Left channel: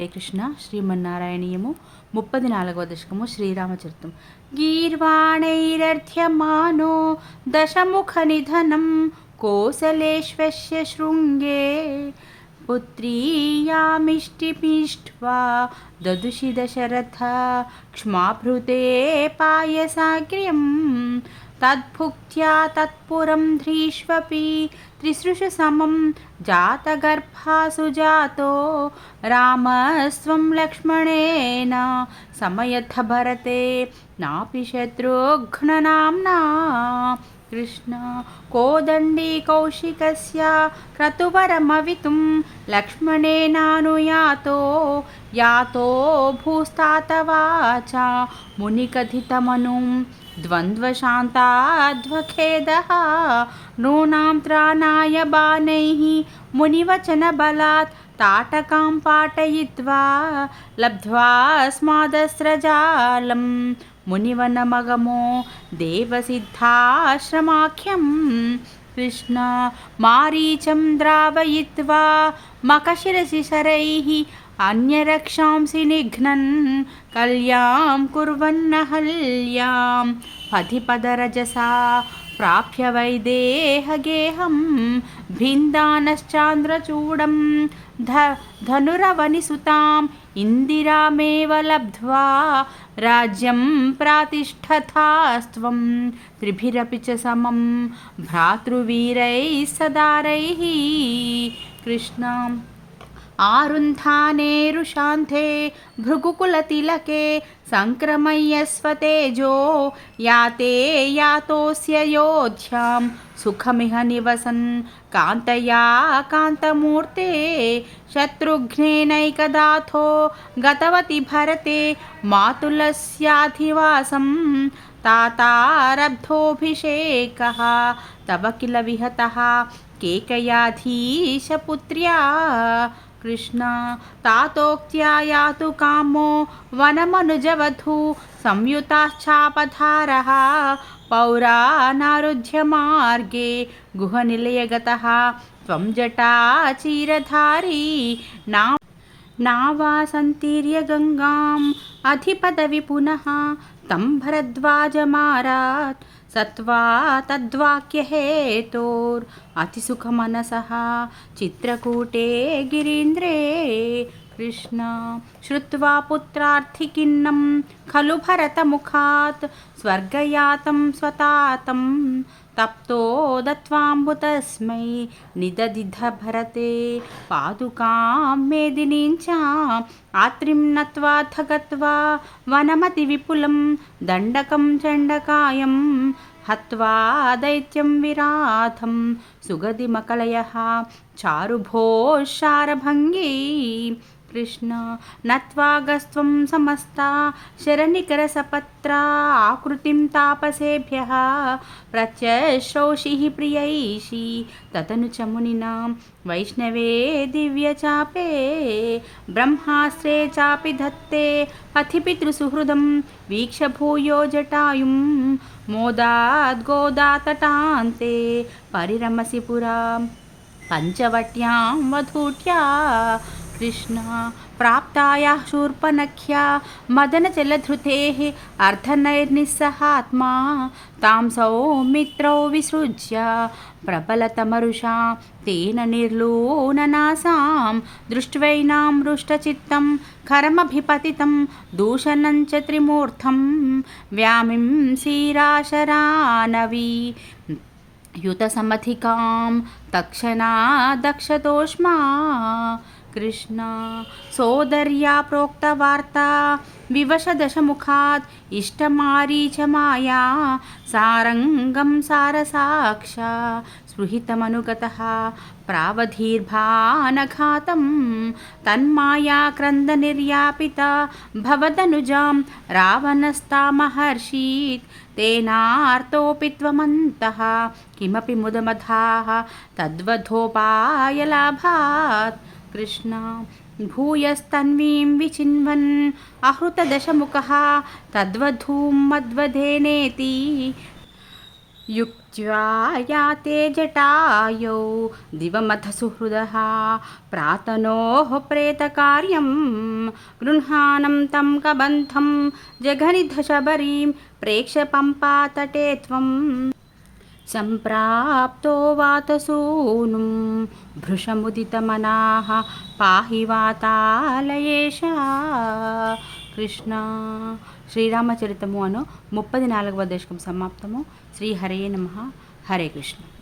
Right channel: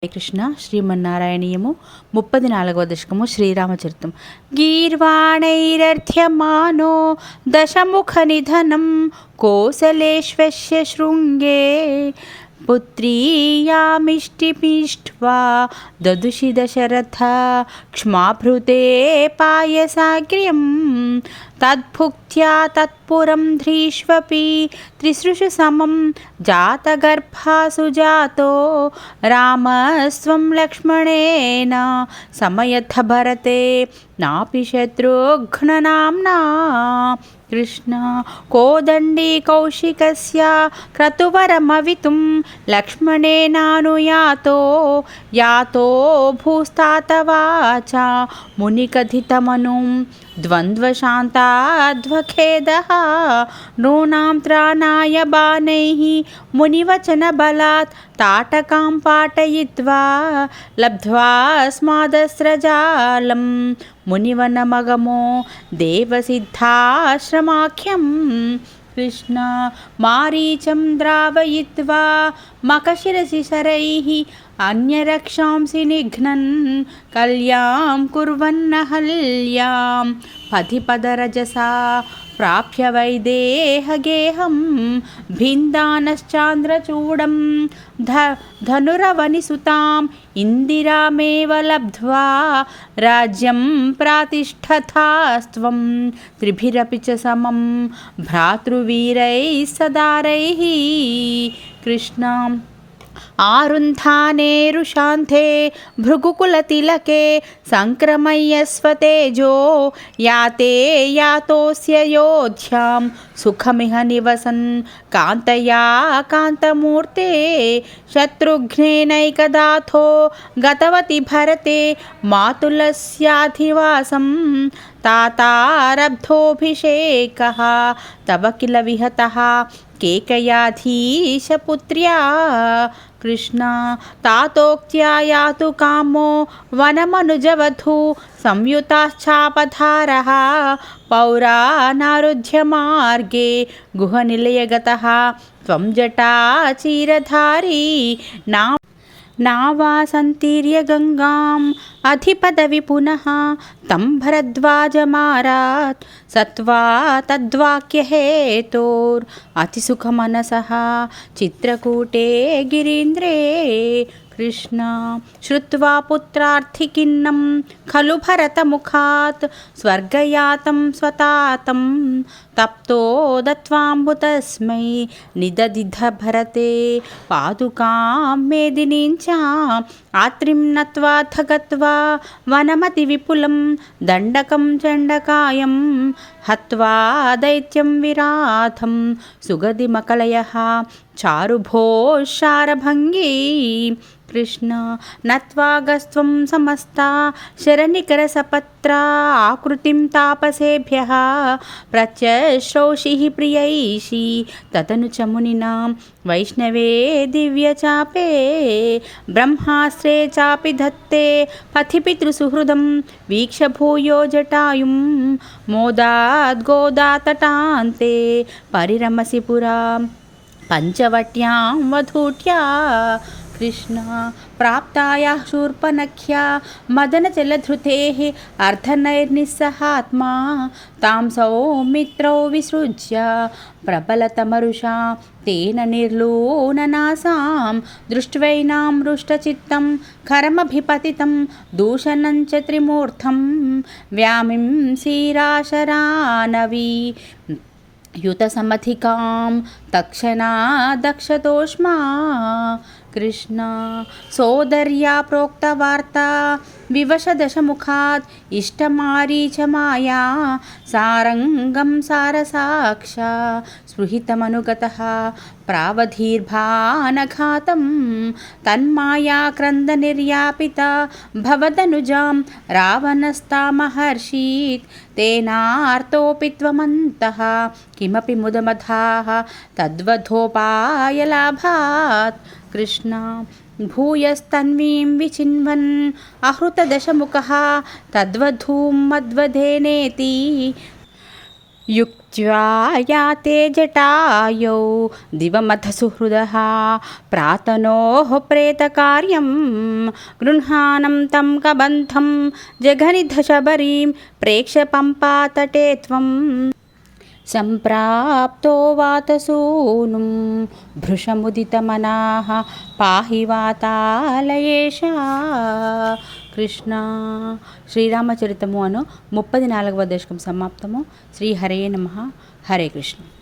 హరే కృష్ణ శ్రీమన్నారాయణీయము 34వ దశకము శ్రీరామచరితం. గీర్వాణైరర్థ్యమానో దశముఖ నిధనం కోసలేశ్వస్య శృంగే పుత్రీయామిష్టిమిష్ట్వా దదుషి దశరథ క్ష్మాభృతే పాయసాగ్ర్యం తద్భుక్త్యా తత్పురం ధ్రీష్వపి త్రిసృషు సమం జాతగర్భాసు జాతో రామస్వం లక్ష్మణేన సమయథ భరతే నాపి శత్రుఘ్ననామ్నా. కృష్ణ కోదండీ కౌశికస్య క్రతువరమవితుం లక్ష్మణేనానుయాతో యాతో భూస్తాతవాచ మునికథితమనుం ద్వంద్వశాంతాధ్వఖేదః నూనాం త్రాణాయ బాణైః మునివచనబలాత్ తాటకాం పాటయిత్వా లబ్ధ్వా స్మాదస్రజాలం మునివనమగమో దేవసిద్ధాశ్రమాఖ్యం. కృష్ణ మారీచం ద్రావయిత్వా మఖశిరసి శరైః అన్యరక్షాంసి నిఘ్నన్ కల్యాం కుర్వన్నహల్యాం పధిపదరజసా ప్రాప్య వైదేహగేహం భిందానశ్చాంద్రచూడం ధనురవనిసుతాం ఇందిరామేవ లబ్ధ్వా రాజ్యం ప్రాతిష్ఠతాస్త్వం త్రిభిరపి చ సమం భ్రాతృవీరైః సదారైః. కృష్ణ ఆరుంధానేరుశాంతే భృగుకులతిలకే సంక్రమయ్యస్వతేజో యాతే యాతోస్యయోధ్యాం సుఖమిహ నివసన్ కాంతయా కాంతమూర్తే శత్రుఘ్నేనైకదాథో గతవతి భరతే మాతులస్యాధివాసం తాతారబ్ధోభిషేకః తవ కిల విహతః కేకయాధీశపుత్ర్యా. కృష్ణ తాతోక్త్యా యాతు కామో వనమనుజవధూ సంయుతాశ్చాపధారः పౌరానారుధ్య మార్గే గుహనిలయగతः త్వం జటాచీరధారీ నావాసంతీర్య గంగాం అధిపదవి పునః తం భరద్వాజమారాత్ సత్వా తద్వాక్యహేతోర్ అతిసుఖమనసః చిత్రకూటే గిరీంద్రే. కృష్ణ శ్రుత్వా పుత్రార్థికిన్నం ఖలు భరతముఖాత్ స్వర్గయాతం స్వతాతం తప్తో దత్వాంబుతస్మై నిదదిధ భరతే పాదుకాం మేదినీంచ ఆత్రిం నత్వాథ గత్వా వనమతి విపులం దండకం చండకాయం హత్వా దైత్యం విరాధం సుగదిమకలయః చారుభోశారభంగీ. కృష్ణ నత్వాగస్త్వం సమస్తా శరనికరసపత్ర ఆకృతిం తాపసేభ్యః ప్రత్యశ్రౌషిః ప్రియైషి తదను చ మునినాం వైష్ణవే దివ్యచాపే బ్రహ్మాస్త్రే చాపి ధత్తే పథి పితృసుహృదం వీక్ష భూయో జటాయుం మోదాద్గోదాతటాంతే పరిరమసి పురా పంచవట్యాం వధూట్యా. కృష్ణ ప్రాప్తాయాః శూర్పణఖ్యా మదనజలధృతేః అర్ధనైర్నిస్సహాత్మా తాం సౌమిత్రౌ విసృజ్య ప్రబలతమరుషా తేన నిర్లూననాసాం దృష్ట్వైనాం హృష్టచిత్తం కరమభిపతితం దూషణం చ త్రిమూర్ధం వ్యామింసీరాశరానవీ యుతసమధికాం తక్షణా దక్షతోష్మా. కృష్ణ సోదర్యా ప్రోక్తవార్తా వివశదశముఖాత్ ఇష్టమారీచమాయా సారంగం సారసాక్ష స్పృహితమనుగతః ప్రావధీర్భానఘాతం తన్మాయా క్రందనిర్యాపిత భవదనుజాం రావణస్తామహర్షీత్ తేనార్తోపి త్వమంతః కిమపి ముదమధాః తద్వధోపాయలాభాత్. కృష్ణ భూయస్తన్వీం విచిన్వన్ అహృతదశముఖः తద్వధూం మద్వధేనేతి युक्त्या याते जटायौ दिवमथ सुहृदः प्रातनोः प्रेतकार्यं गृह्णानं तं कबन्धं जघनिधशबरीं प्रेक्ष्य पम्पातटे त्वं सम्प्राप्तो वातसूनुं भृशमुदितमनाः पाहि वातालयेश కృష్ణ. శ్రీరామచరితము అను 34వ దశకం సమాప్తము. శ్రీహరే నమః. హరే కృష్ణ.